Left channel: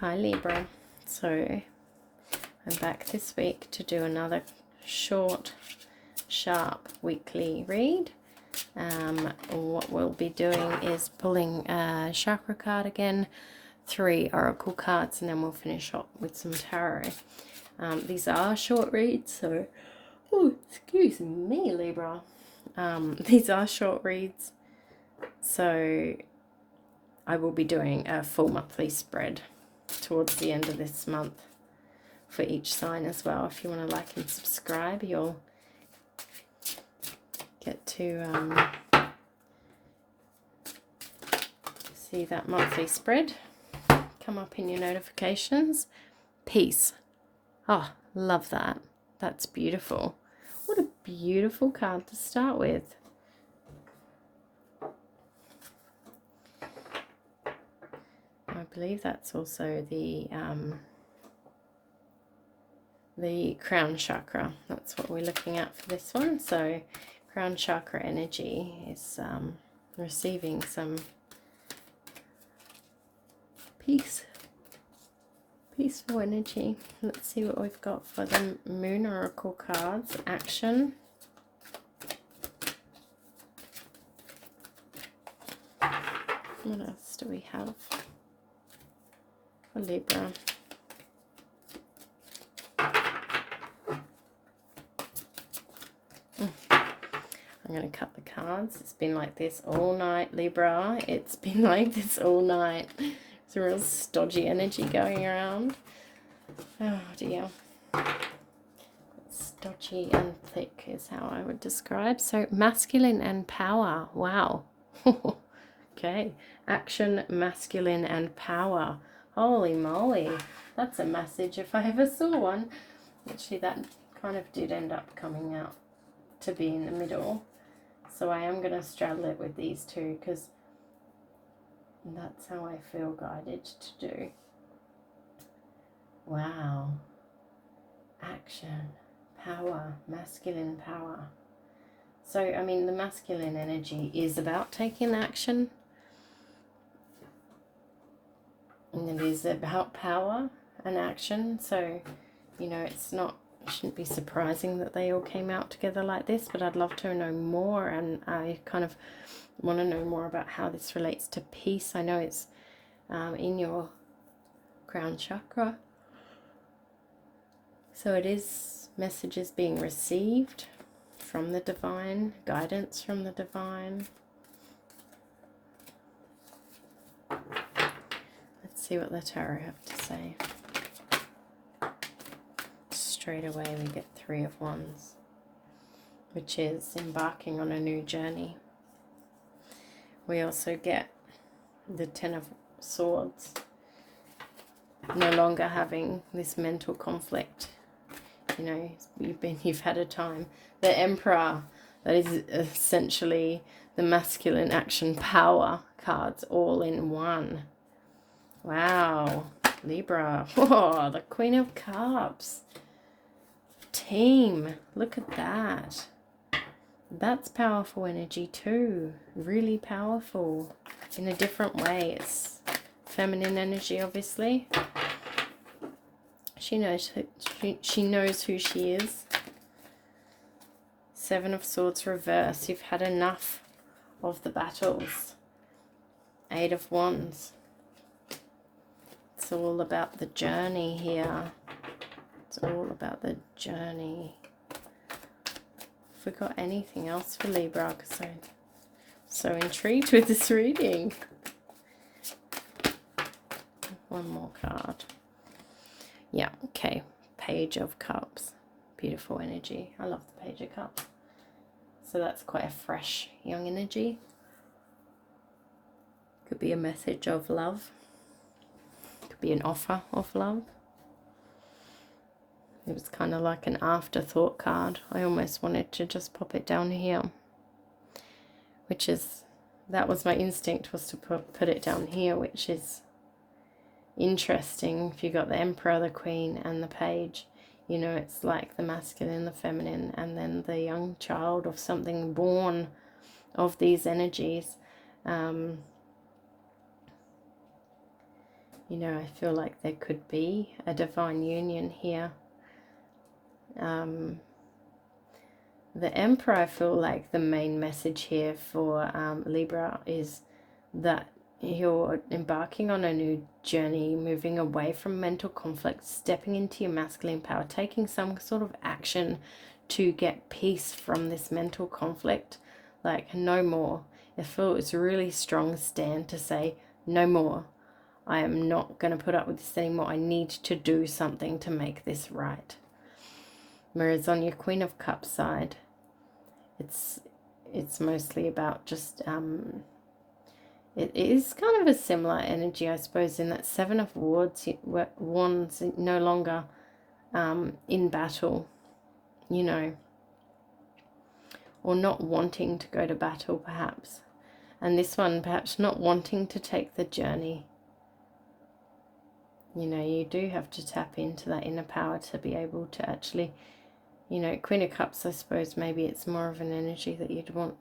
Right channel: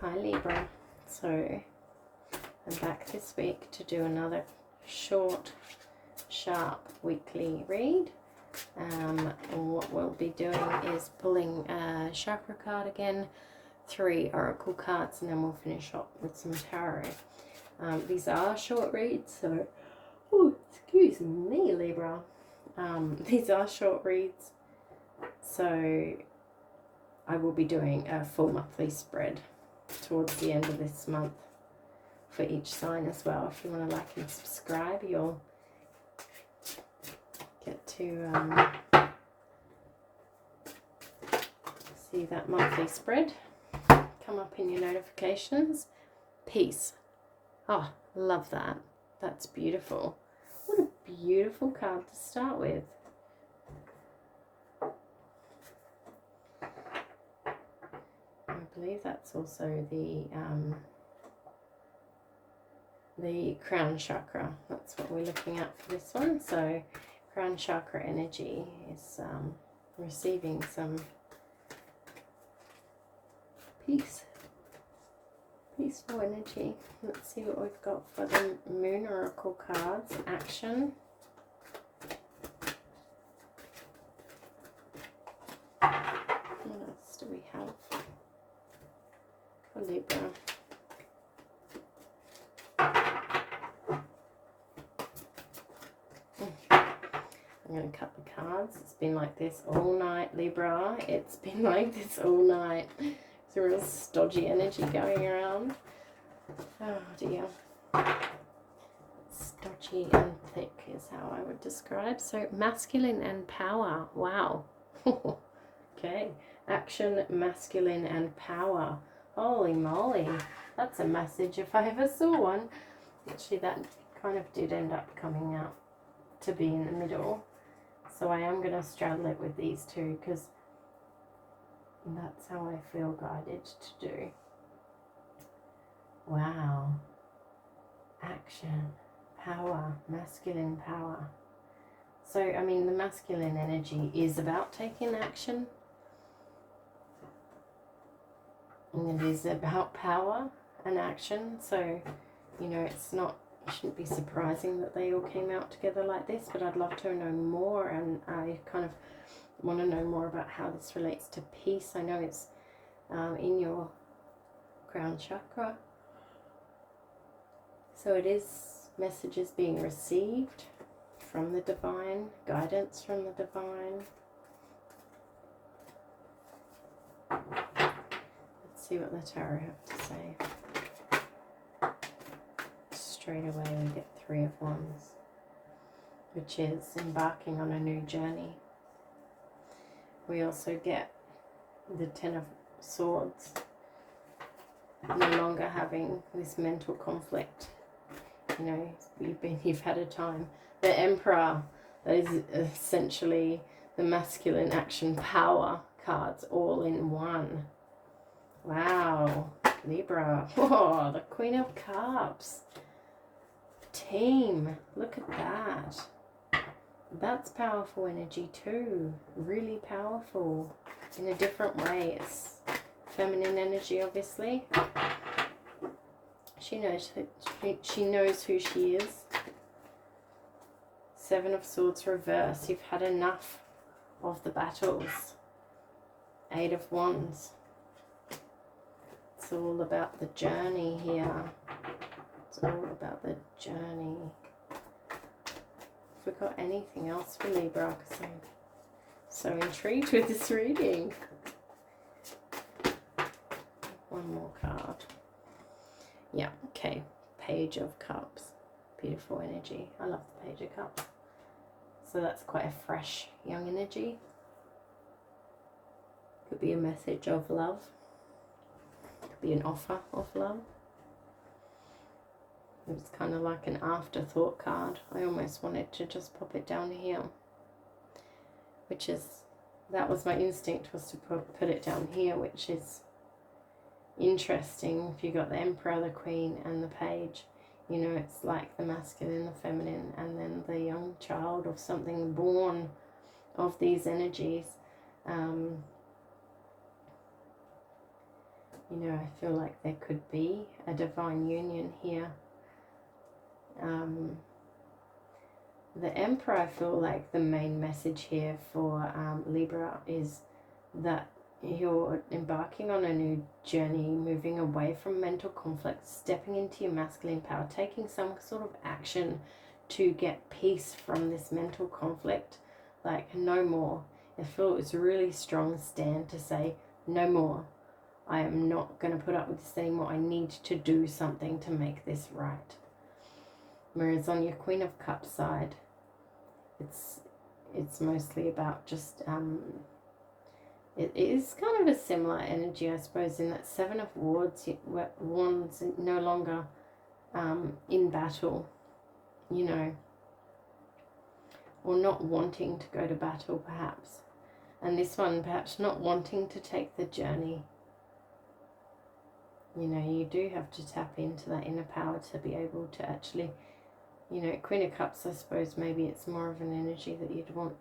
Hi Libra, so I'm back this week to do another short, sharp weekly read. What we'll be doing is pulling a chakra card again, 3 oracle cards, and then we'll finish up with some tarot. These are short reads, so, oh, excuse me Libra, these are short reads, so I will be doing a full monthly spread towards the end of this month for each sign as well. If you want to like and subscribe, you'll get to see that monthly spread come up in your notifications. Peace. Oh, love that. That's beautiful. What a beautiful card to start with. I believe that's also the crown chakra. That's what we're looking at for this one. So crown chakra energy is receiving some peaceful energy. Let's see what we've got for the moon oracle cards. Action. What else do we have for Libra? I'm going to cut the cards. It's been like this all night, Libra. It's been like this all night. It's a real stodgy energy going around. Oh dear. Stodgy and thick is how I would describe. So masculine and power. Wow. Okay. Action, masculine and power. Holy moly. That's a message if I ever saw one. Actually, that kind of did end up coming out to be in the middle. So I am going to straddle it with these two because that's how I feel guided to do. Wow. Action, power, masculine power. So, I mean, the masculine energy is about taking action. And it is about power and action. So, you know, it shouldn't be surprising that they all came out together like this, but I'd love to know more, and I kind of want to know more about how this relates to peace. I know it's in your crown chakra, so it is messages being received from the divine, guidance from the divine. Let's see what the tarot have to say. Straight away we get 3 of Wands, which is embarking on a new journey. We also get the 10 of Swords, no longer having this mental conflict. You know, you've had a time. The Emperor, that is essentially the masculine action power cards all in one. Wow, Libra. Whoa, the Queen of Cups. Team, look at that. That's powerful energy too. Really powerful in a different way. It's feminine energy, obviously. She knows who she is. 7 of Swords reverse. You've had enough of the battles. 8 of Wands. It's all about the journey here. It's all about the journey. Have we got anything else for Libra? Because I'm so intrigued with this reading. One more card. Yeah, okay. Page of Cups. Beautiful energy. I love the Page of Cups. So that's quite a fresh, young energy. Could be a message of love. Could be an offer of love. It was kind of like an afterthought card. I almost wanted to just pop it down here. That was my instinct, was to put it down here, which is interesting. If you got the Emperor, the Queen and the Page, you know, it's like the masculine, the feminine, and then the young child of something born of these energies. You know, I feel like there could be a divine union here. The Emperor, I feel like the main message here for Libra is that you're embarking on a new journey, moving away from mental conflict, stepping into your masculine power, taking some sort of action to get peace from this mental conflict. Like, no more. I feel it's a really strong stand to say, no more. I am not going to put up with this anymore. I need to do something to make this right. Whereas on your Queen of Cups side, it's mostly about just it is kind of a similar energy, I suppose, in that Seven of Wands no longer in battle, you know, or not wanting to go to battle perhaps, and this one perhaps not wanting to take the journey. You know, you do have to tap into that inner power to be able to actually, you know, Queen of Cups, I suppose maybe it's more of an energy that you'd want,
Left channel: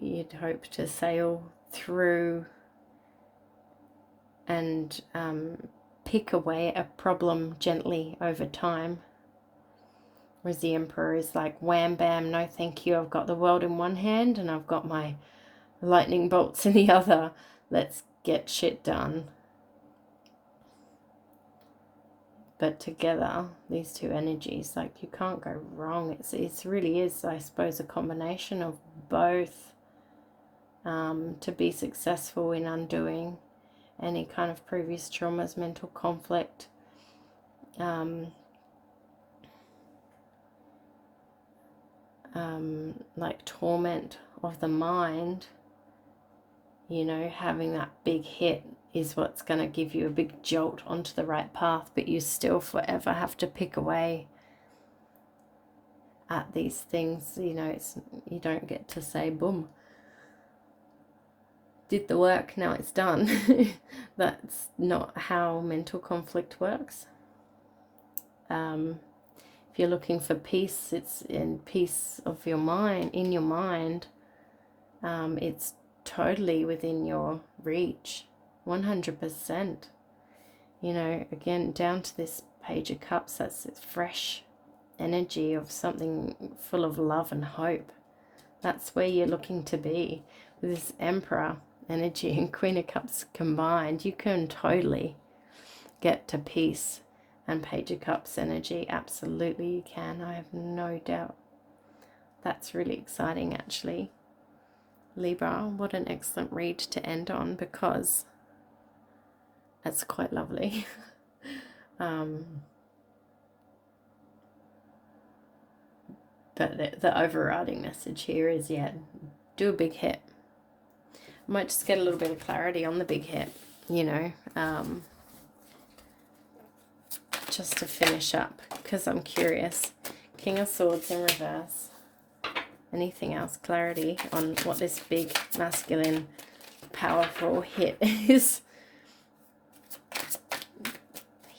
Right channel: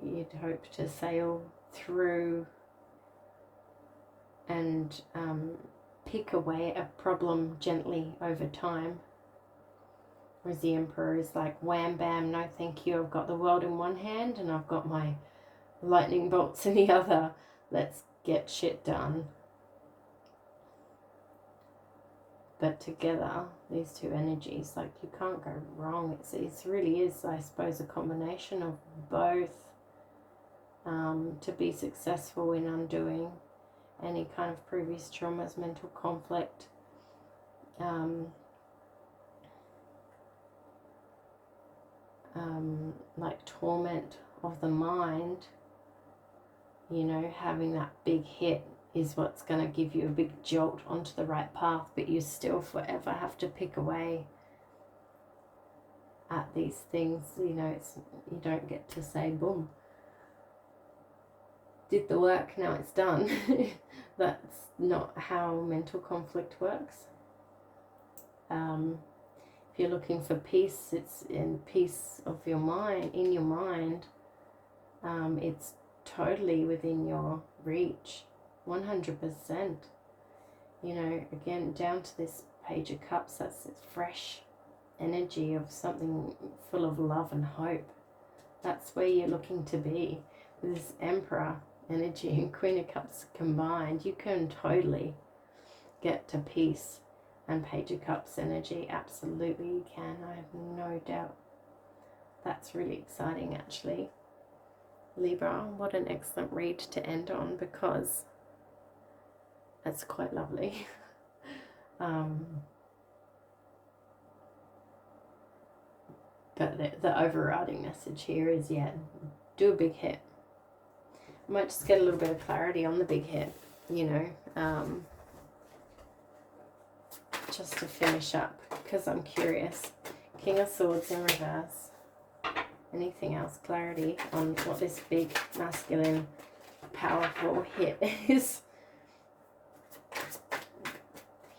you'd hope to sail through and pick away at a problem gently over time. Whereas the Emperor is like, wham bam, no thank you, I've got the world in one hand and I've got my lightning bolts in the other. Let's get shit done. But together, these two energies, like, you can't go wrong. It really is, I suppose, a combination of both to be successful in undoing any kind of previous traumas, mental conflict, like torment of the mind. You know, having that big hit is what's going to give you a big jolt onto the right path, but you still forever have to pick away at these things. You know, you don't get to say, boom, did the work, now it's done. That's not how mental conflict works. If you're looking for peace, it's in peace of your mind, in your mind. It's totally within your reach, 100%. You know, again, down to this Page of Cups, that's fresh energy of something full of love and hope. That's where you're looking to be. With this Emperor energy and Queen of Cups combined, you can totally get to peace. And Page of Cups energy, absolutely you can, I have no doubt. That's really exciting, actually. Libra, what an excellent read to end on, because it's quite lovely. But the overriding message here is, yeah, do a big hit. Might just get a little bit of clarity on the big hit, you know, just to finish up, because I'm curious. King of Swords in reverse. Anything else? Clarity on what this big, masculine, powerful hit is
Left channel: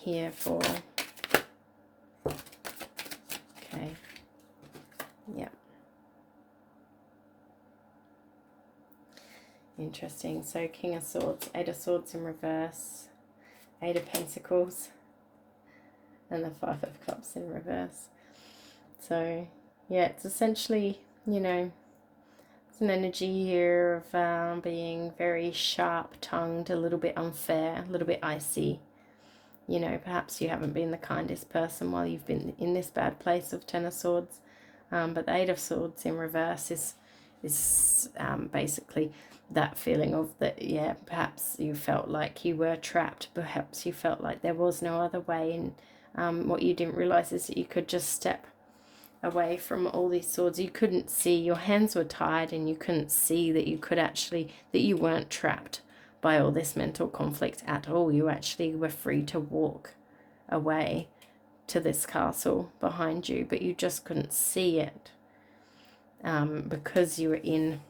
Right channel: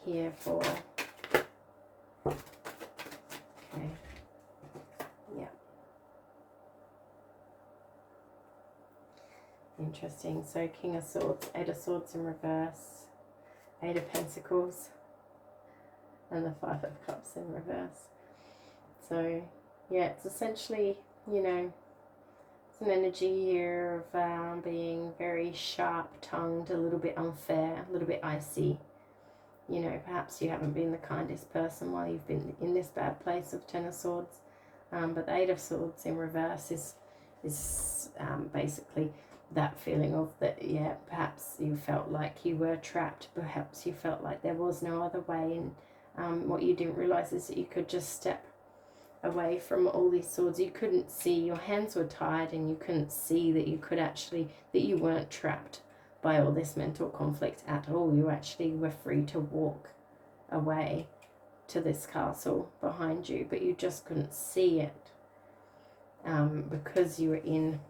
here for. Okay. Yeah. Interesting. So King of Swords, Eight of Swords in reverse, Eight of Pentacles, and the Five of Cups in reverse. So yeah, it's essentially, you know, it's an energy here of being very sharp-tongued, a little bit unfair, a little bit icy. You know, perhaps you haven't been the kindest person while you've been in this bad place of Ten of Swords. But the Eight of Swords in reverse is basically that feeling of that, yeah, perhaps you felt like you were trapped. Perhaps you felt like there was no other way. And what you didn't realize is that you could just step away from all these swords. You couldn't see, your hands were tied, and you couldn't see that you could actually, that you weren't trapped by all this mental conflict at all. You actually were free to walk away to this castle behind you, but you just couldn't see it because you were in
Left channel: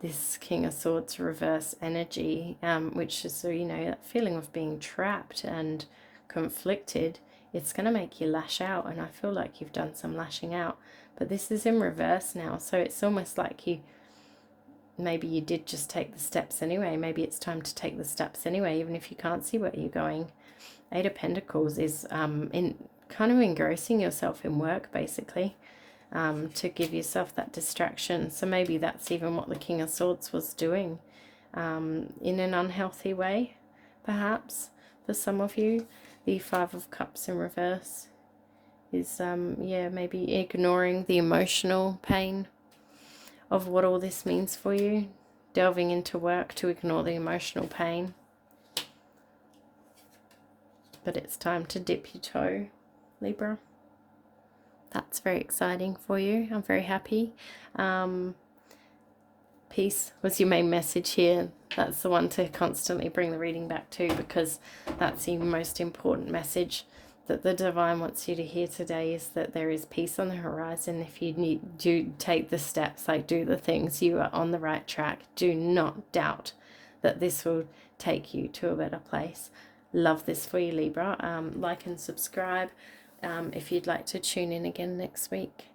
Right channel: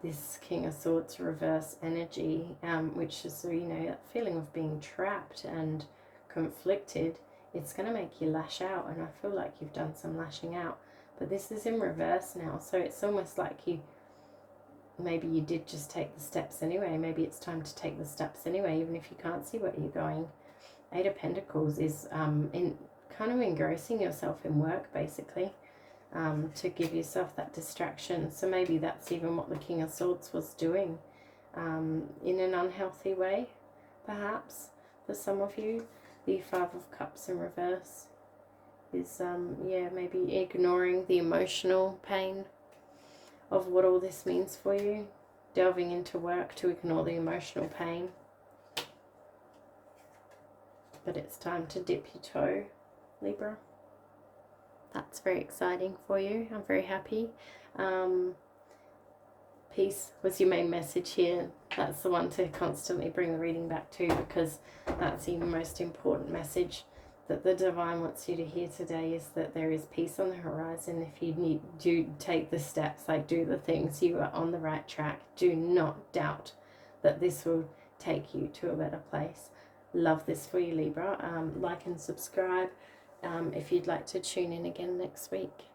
this King of Swords reverse energy, which is, you know, that feeling of being trapped and conflicted. It's going to make you lash out, and I feel like you've done some lashing out, but this is in reverse now, so it's almost like you maybe you did just take the steps anyway. Maybe it's time to take the steps anyway, even if you can't see where you're going. Eight of Pentacles is in kind of engrossing yourself in work, basically, to give yourself that distraction. So maybe that's even what the King of Swords was doing, in an unhealthy way, perhaps, for some of you. The Five of Cups in reverse is, yeah, maybe ignoring the emotional pain of what all this means for you, delving into work to ignore the emotional pain. But it's time to dip your toe, Libra. That's very exciting for you. I'm very happy. Peace was your main message here. That's the one to constantly bring the reading back to, because that's the most important message that the divine wants you to hear today, is that there is peace on the horizon. If you do take the steps, like do the things, you are on the right track. Do not doubt that this will take you to a better place. Love this for you, Libra. Like and subscribe if you'd like to tune in again next week.